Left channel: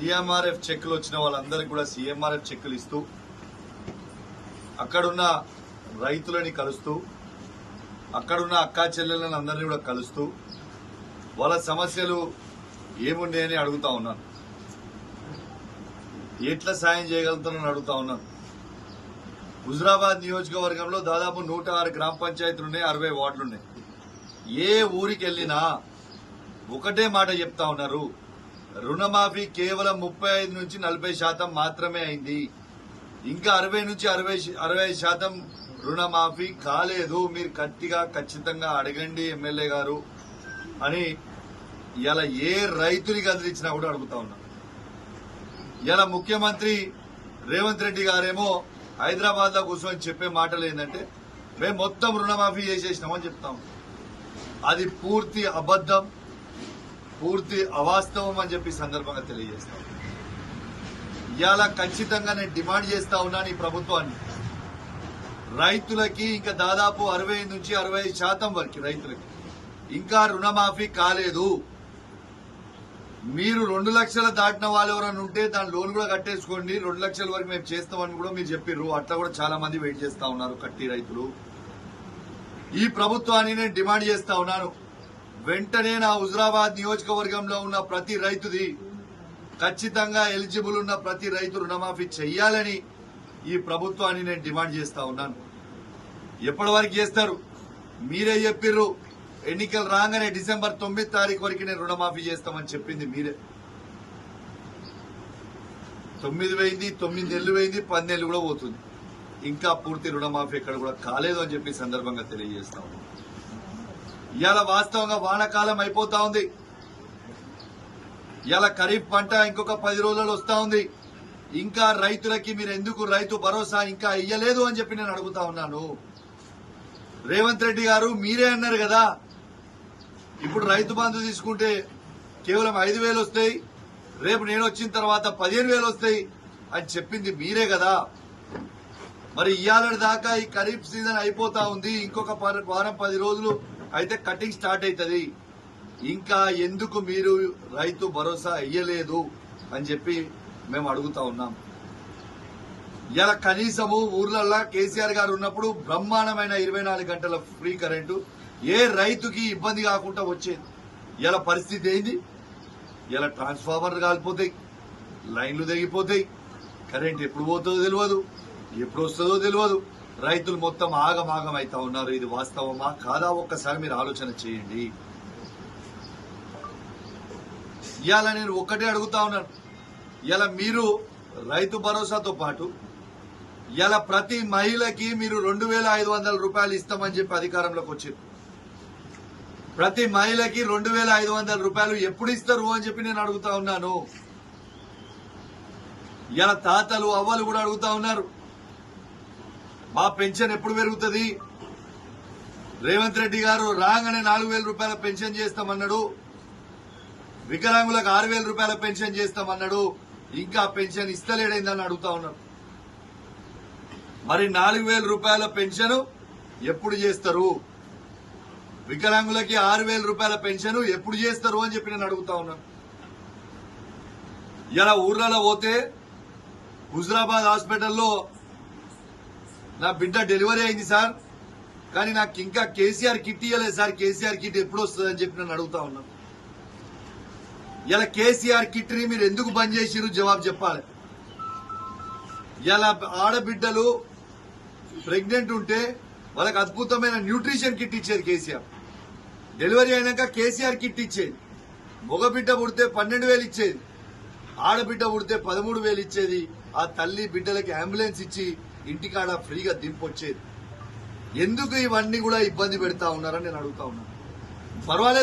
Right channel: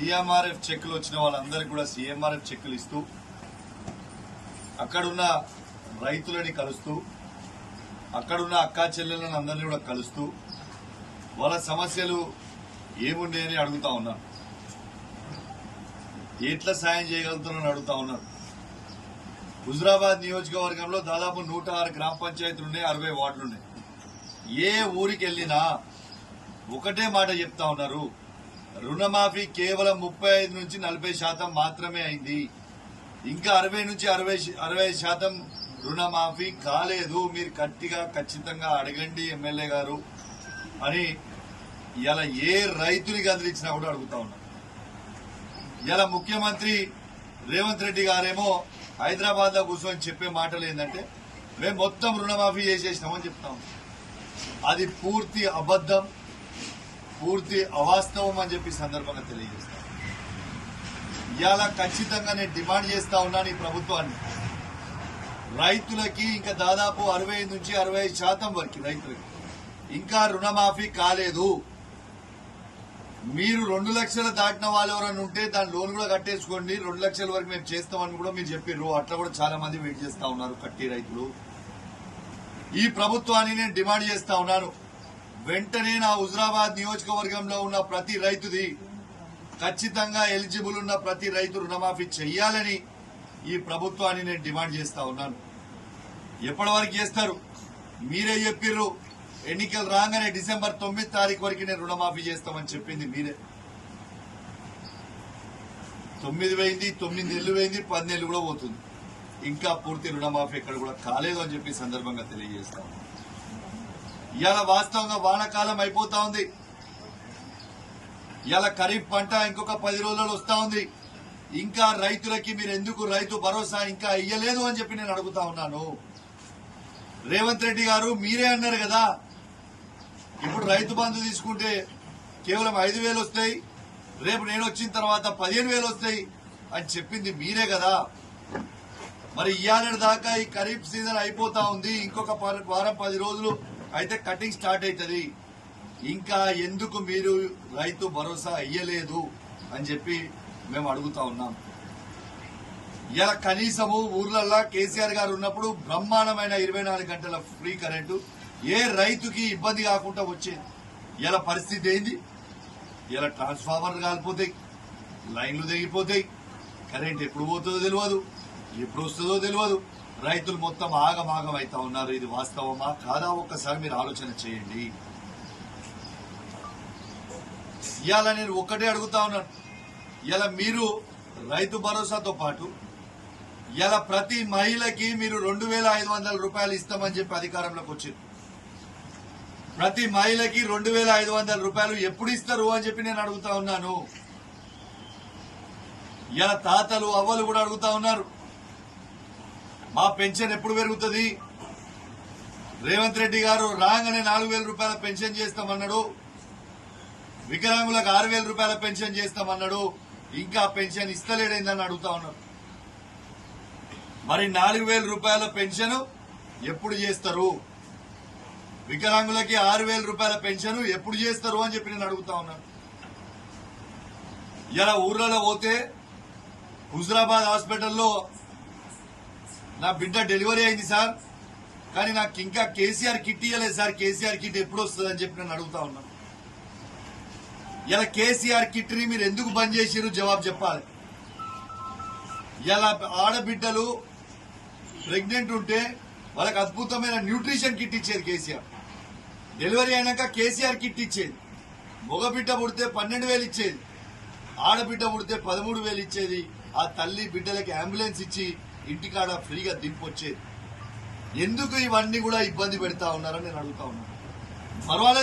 CMRF చెక్కులు వచ్చిన వాళ్ళందరికీ కూడా సీఎంఆర్ఎఫ్ చెక్కులు ఇస్తూ అక్కడున్న రైతులని కలుస్తూ అక్కడున్న అక్కా చెల్లెలను అందరినీ కూడా కలుస్తూ వాళ్ళ సమస్యలు ఏమున్నాయని అడుగుతా ఉన్నాను. ఎట్లా సాయం చేయగలుగుతానని అడుగుతా ఉన్నాను. హుజురాబాద్ నియోజకవర్గంలో దాదాపు 106 గ్రామ పంచాయతీలున్నాయి, 60 వార్డులున్నాయి. ఏ ఊరికి వెళ్ళినా ఒకటే మాట చెప్తా ఉన్నారు, రుణమాఫీ కేవలం 35 నుంచి 40% మాత్రమే అయింది, ఇంకా 60 నుంచి 65% రుణమాఫీ కాలేదు, మీరు ఖచ్చితంగా అడగండి ఎమ్మెల్యే గారు అని ఇలా ఏ రైతుని కదిలించినా కూడా అడుగుతా ఉన్నారు. ఇలా ముఖ్యమంత్రి రేవంత్ రెడ్డి గారేమో హైదరాబాద్ లో కూర్చొని చెప్పే మాటలు ఏంటంటే మేము మొత్తం రుణమాఫీ చేసేసినామని చెప్తాం. అది పూర్తి అబద్దం, పూర్తి అవాస్తవం అని చెప్పి సందర్భంగా తెలియజేస్తాం. ఇవాళ ఖచ్చితంగా నేను డిమాండ్ చేస్తా ఉన్నాను ఈ ప్రభుత్వాన్ని, రైతులకి ఇంకా దాదాపు 60 నుంచి 65% వరకు రైతులకి ఇంకా రుణమాఫీ కాలేదు. మీరు 2 లక్షలు దాటిన వాళ్ళు ఎవరైనా ఉంటే దాని లోన్ కూడా కట్టేసుకోండి, 2 లక్షల వరకు మేము చేస్తామని కూడా మీరు చెప్పిర్రు. అట్లా కూడా చాలా మంది వెయిట్ చేస్తా ఉన్నారు కట్టి రైతులు. ఈ ప్రభుత్వాన్ని నేను డిమాండ్ చేస్తా ఉన్నాను, వెంటనే నా హుజురాబాద్ నియోజకవర్గంలో ఉన్న ప్రతి రైతుది ఖచ్చితంగా ఎలిజిబుల్ ఉన్న ప్రతి రైతు రుణమాఫీ చెయ్యాలని ఈ ప్రభుత్వాన్ని నేను డిమాండ్ చేస్తా ఉన్నాను. ఎప్పటి వరకు చేస్తారు? మీరే చెప్పిర్రు, ఎన్నికలు రాగానే డిసెంబర్ 9 తారీఖు వరకు నేను రుణమాఫీ చేస్తామని చెప్పింది మీరే. 9 పోయింది, 9 నెలలు పోయింది, 10 నెలలు కూడా పోతుంది, ఇంకా పూర్తి రుణమాఫీ ఇక్కడ కూడా కాలేదు అని చెప్పి సందర్భంగా తెలియజేస్తాం. ఇవాళ వాస్తవంగా వానాకాలం అయిపోతా ఉంది, ఇవాళ ఖరీఫ్ పంట ఇంకొక 10 రోజులలో వస్తా ఉంది. ఇంకా రైతులకి మీరు ఎందుకు రైతు భరోసా ఇంకా ఇయ్యలేదు అని చెప్పి నేను అడుగుతా ఉన్నాను. రేవంత్ రెడ్డి గారు మీరే అన్నారు కదా, ఇప్పుడు రైతు బంధు తీసుకుంటే కేవలం 5,000 వస్తాయి, రేపు నేను వచ్చిన తర్వాత 15,000 వస్తాయి అని చెప్పింది మీరే కదా. మరి ఇవాళ దాకా ఈ ఖరీఫ్ సీజన్ అయిపోతా ఉంది, ఇంకొక వారం 10 రోజులు అయితే కటింగ్ స్టార్ట్ అవుతుంది, ఇంకా ఎందుకు మీరు రైతు భరోసా ఇయ్యలేదు అని చెప్పి మేము అడుగుతా ఉన్నాం. ఇలా కనీసము ఊర్లల్లో కేసీఆర్ గారు ఉన్నప్పుడు బ్రహ్మాండమైన 24 గంటల ఫ్రీ కరెంటు ఏ రైతుకి ఇబ్బంది కాకుండా వచ్చేది. ఇలా పరిస్థితి ఏంది? ఇలా ట్రాన్స్ఫార్మర్లు కాలిపోతాయి, లైన్లు తెగిపోతాయి, కరెంట్ ఎప్పుడు పోతుందో తెలియదు, ఎప్పుడు వస్తుందో తెలియదు, రైతులు మొత్తం ఆగమాగం అవుతా ఉన్నారు. ఇది వాస్తవమా కాదా ఒక్కసారి మీరు ఆలోచన చేయండి. ఇవాళ నేను ఒక్కటే అడుగుతా ఉన్నాను, ఇలా మీరు రైతు భరోసాతో పాటు ఇలా ప్రతి మహిళకి మీరు 2,500 రూపాయలు ఇస్తామని చెప్పి అధికారంలోకి వచ్చారు. ప్రతి మహిళకి 2,500 రూపాయలు ఎప్పుడు ఇస్తారు అని చెప్పి నేను అడుగుతా ఉన్నాను. ఇలా తాతలు అవ్వలు కూడా అడుగుతా ఉన్నారు, మా పెన్షన్ ఎప్పుడు పెరుగుతుంది? రేవంత్ రెడ్డి గారు రాగానే 4,000 రూపాయల పెన్షన్ చేస్తామన్నాడు, వికలాంగులకు 6,000 రూపాయల పెన్షన్ చేస్తామన్నాడు, ఇంకా పెన్షన్ ఇస్తలేడైందని అడుగుతా ఉన్నారు. మరి 4,000 రూపాయల పెన్షన్ ఎప్పుడు చేస్తారు? వికలాంగులకి 6,000 రూపాయల పెన్షన్ ఎప్పుడు చేస్తారు అని చెప్పి నేను అడుగుతా ఉన్నాను. ఇలా ఊర్లలో పోతే హుజురాబాద్ హాస్పిటల్లో నా బిడ్డ డెలివరీ అయింది సార్, కానీ నాకు ఇంకా కేసీఆర్ కిట్ ఇవ్వలేదు సార్, కేసీఆర్ కిట్ ఎప్పుడు వస్తుందని చెప్పి నేను అడుగుతా ఉన్నాను. ఇలా కేసీఆర్ కిట్ ని మీరు ఎందుకు బంద్ చేసిరు జవాబు చెప్పాలి. ఇలా ఆడబిడ్డలు ప్రెగ్నెంట్ ఉంటే వాళ్ళకి అద్భుతమైన న్యూట్రిషన్ కిట్ ఇచ్చేది కేసీఆర్. డెలివరీ అయినాక కేసీఆర్ కిట్ ఇచ్చేది. మగబిడ్డ పుడితే 12,000 ఇచ్చేది, ఆడబిడ్డ పుడితే 13,000 ఇచ్చేది. ఆ తల్లి బిడ్డలకి అంబులెన్స్ ఇచ్చి ఇంటికాడ ఫ్రీగా దింపొచ్చేది. ఎందుకు ఇవన్నీ కూడా ఇబ్బంది పెడతా ఉన్నారని నేను అడుగుతా ఉన్నాను. పర్వాలేదు.